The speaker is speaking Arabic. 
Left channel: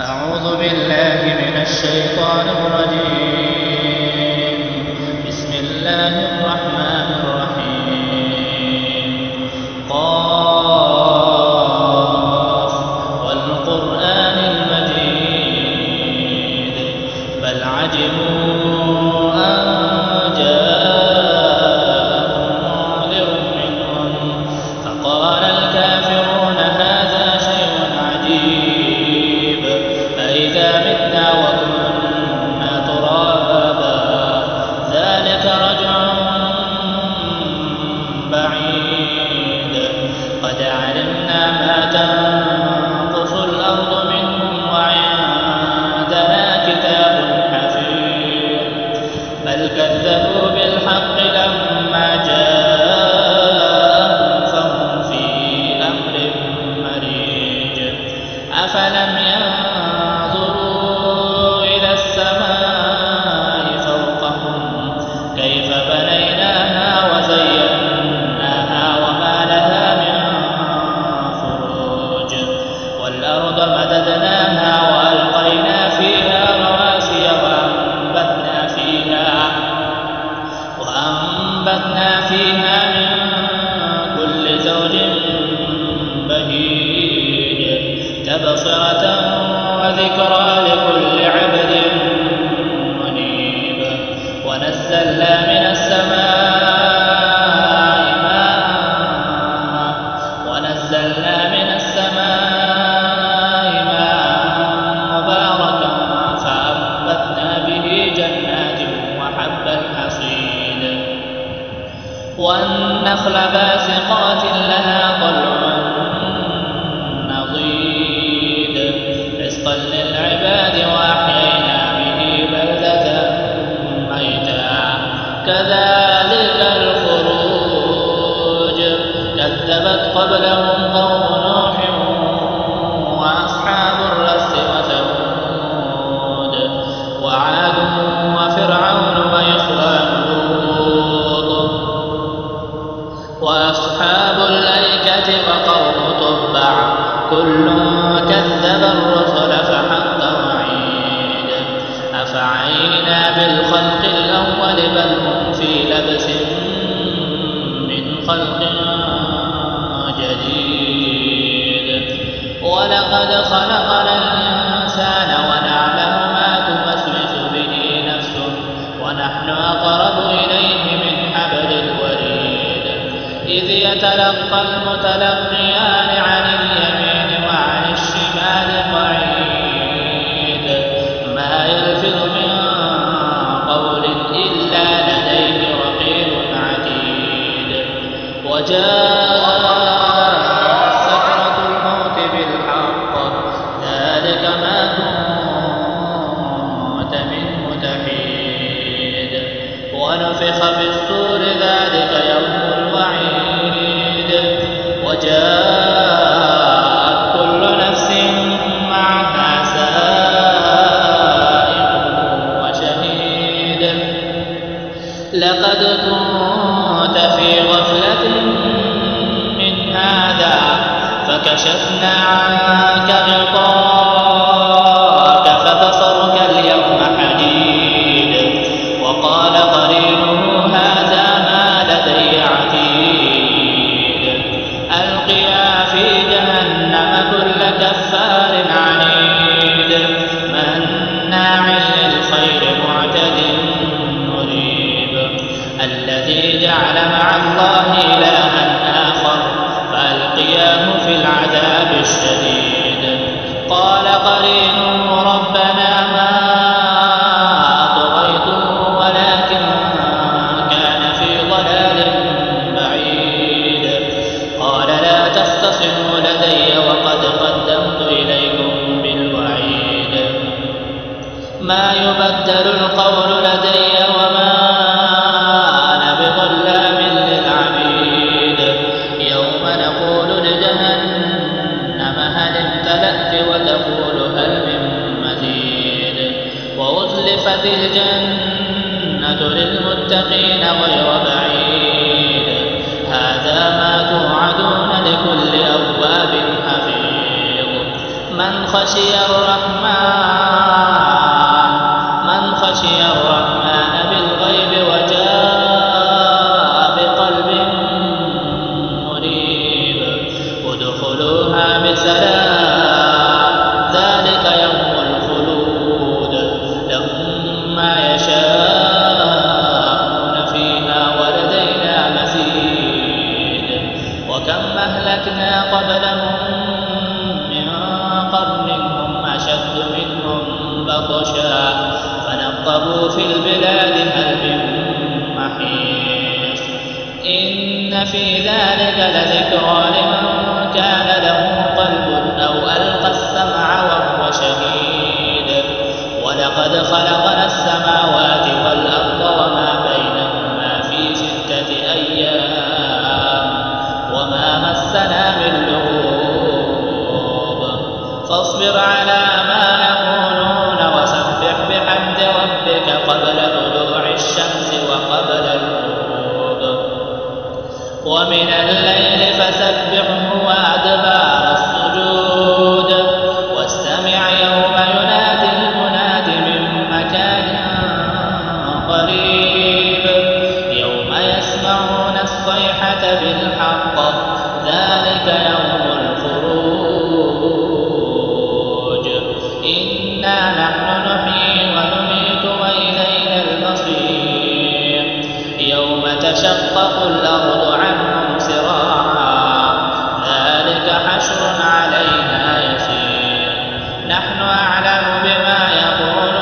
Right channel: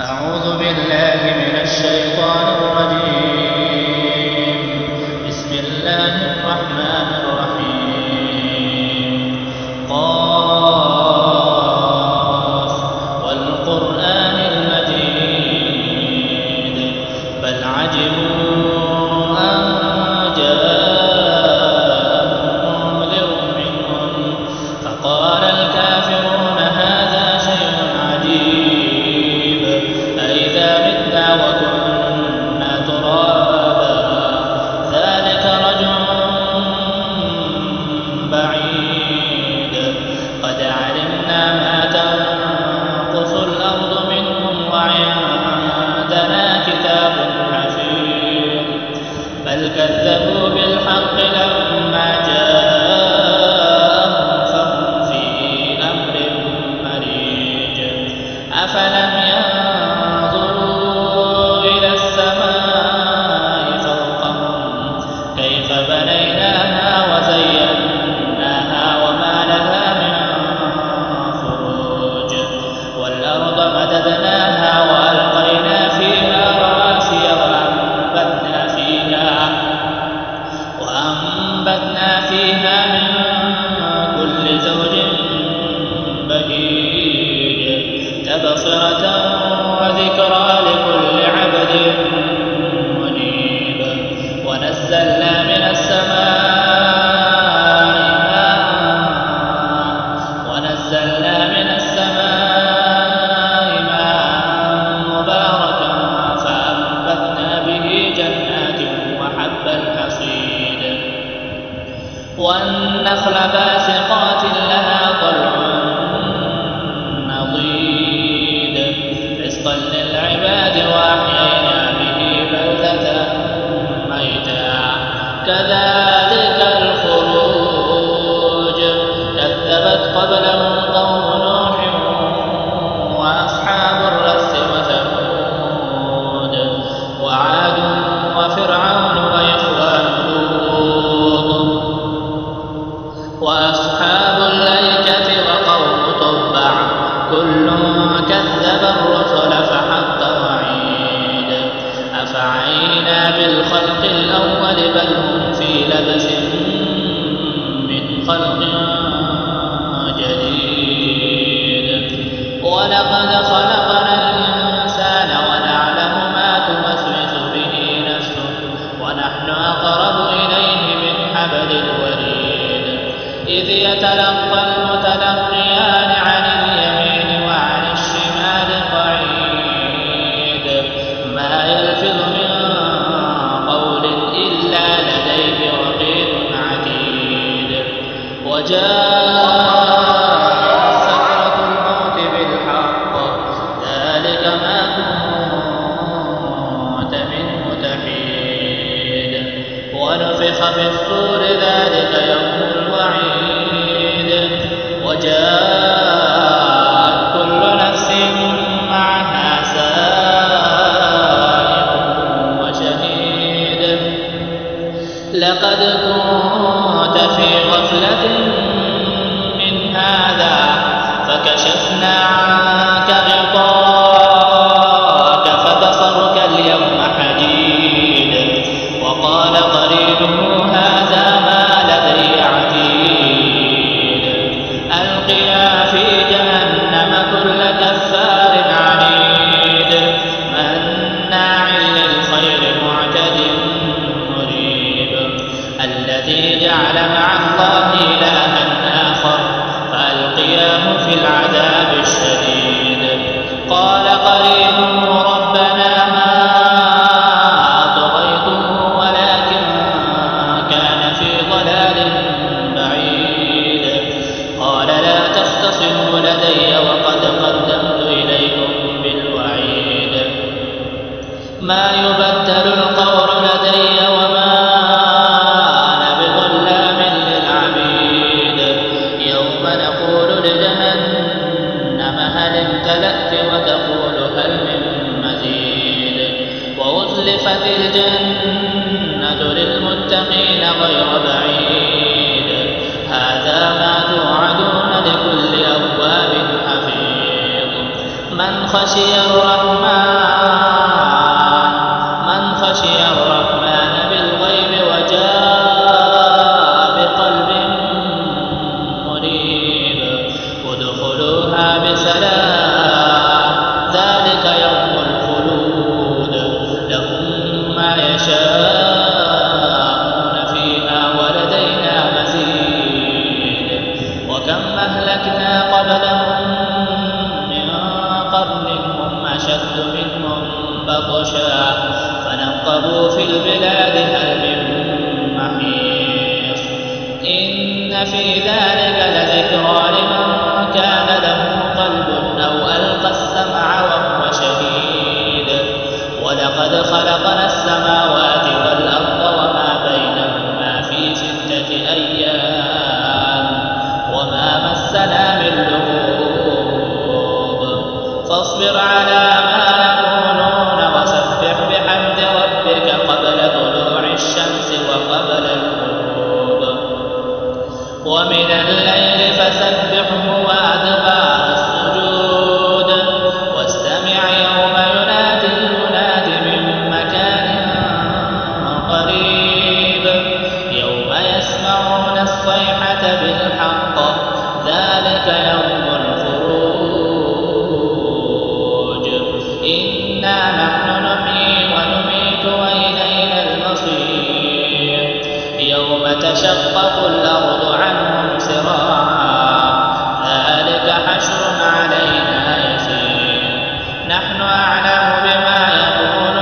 أعوذ بالله من الشيطان الرجيم. بسم الله الرحمن الرحيم. قاف والقرآن المجيد بل عجبوا أن جاءهم منذر منهم فقال الكافرون هذا شيء عجيب أئذا متنا وكنا ترابا ذلك رجع بعيد قد علمنا ما تنقص الأرض منهم وعندنا كتاب حفيظ بل كذبوا بالحق لما جاءهم فهم في أمر مريج أفلم ينظروا إلى السماء فوقهم كيف بنيناها وزيناها وما لها من فروج والأرض مددناها وألقينا فيها رواسي وأنبتنا فيها من كل زوج بهيج تبصرة وذكرى لكل عبد منيب ونزلنا من السماء ماء مباركا فأنبتنا به جنات وحب الحصيد والنخل باسقات لها طلع نضيد رزقا للعباد وأحيينا به بلدة ميتا كذلك الخروج كذبت قبلهم قوم نوح وأصحاب الرس وثمود وعاد وفرعون وإخوان لوط وأصحاب الأيكة وقوم تبع كل كذب الرسل فحق وعيد أفعينا بالخلق الأول بل هم في لبس من خلق جديد ولقد خلقنا الإنسان ونعلم ما توسوس به نفسه ونحن أقرب إليه من حبل الوريد إذ يتلقى المتلقيان عن اليمين وعن الشمال قعيد ما يلفظ من قول إلا لديه رقيب عتيد وجاءت سكرة الموت بالحق ذلك ما كنت منه تحيد ونفخ في الصور ذلك يوم الوعيد وجاءت كل نفس معها سائق وشهيد لقد كنت في غفلة من هذا فكشفنا عنك غطاءك فبصرك اليوم حديد وقال قرينه هذا ما لدي عتيد ألقيا في جهنم كل كفار عنيد مناع للخير معتد مريب الذي جعل مع الله إلها آخر فألقياه في العذاب الشديد قال قرينه ربنا ما أطغيته ولكن كان في ضلال بعيد قال لا تختصموا لدي وقد قدمت إليكم بالوعيد ما يبدل القول لدي وما أنا بظلام للعبيد يوم نقول لجهنم هل امتلأت وتقول هل من مزيد وأزلفت الجنة للمتقين غير بعيد هذا ما توعدون لكل أواب حفيظ من خشي الرحمن بالغيب وجاء بقلب منيب ادخلوها بسلام ذلك يوم الخلود لهم ما يشاءون فيها ولدينا مزيد وكم أهلكنا قبلهم من قرن هم أشد منهم بطشا فنقبوا في البلاد هل من محيص إن في ذلك لذكرى لمن كان له قلب أو ألقى السمع وهو شهيد ولقد خلقنا السماوات والأرض وما بينهما في 6 أيام وما مسنا من لغوب فاصبر على ما يقولون وسبح بحمد ربك قبل طلوع الشمس وقبل الغروب ومن الليل فسبحه وأدبار السجود واستمع يوم ينادي المناد من مكان قريب يوم يسمعون الصيحة بالحق ذلك يوم الخروج إنا نحن نحيي ونميت وإلينا المصير يوم تشقق الأرض عنهم سراعا ذلك حشر علينا يسير نحن أعلم بما يقولون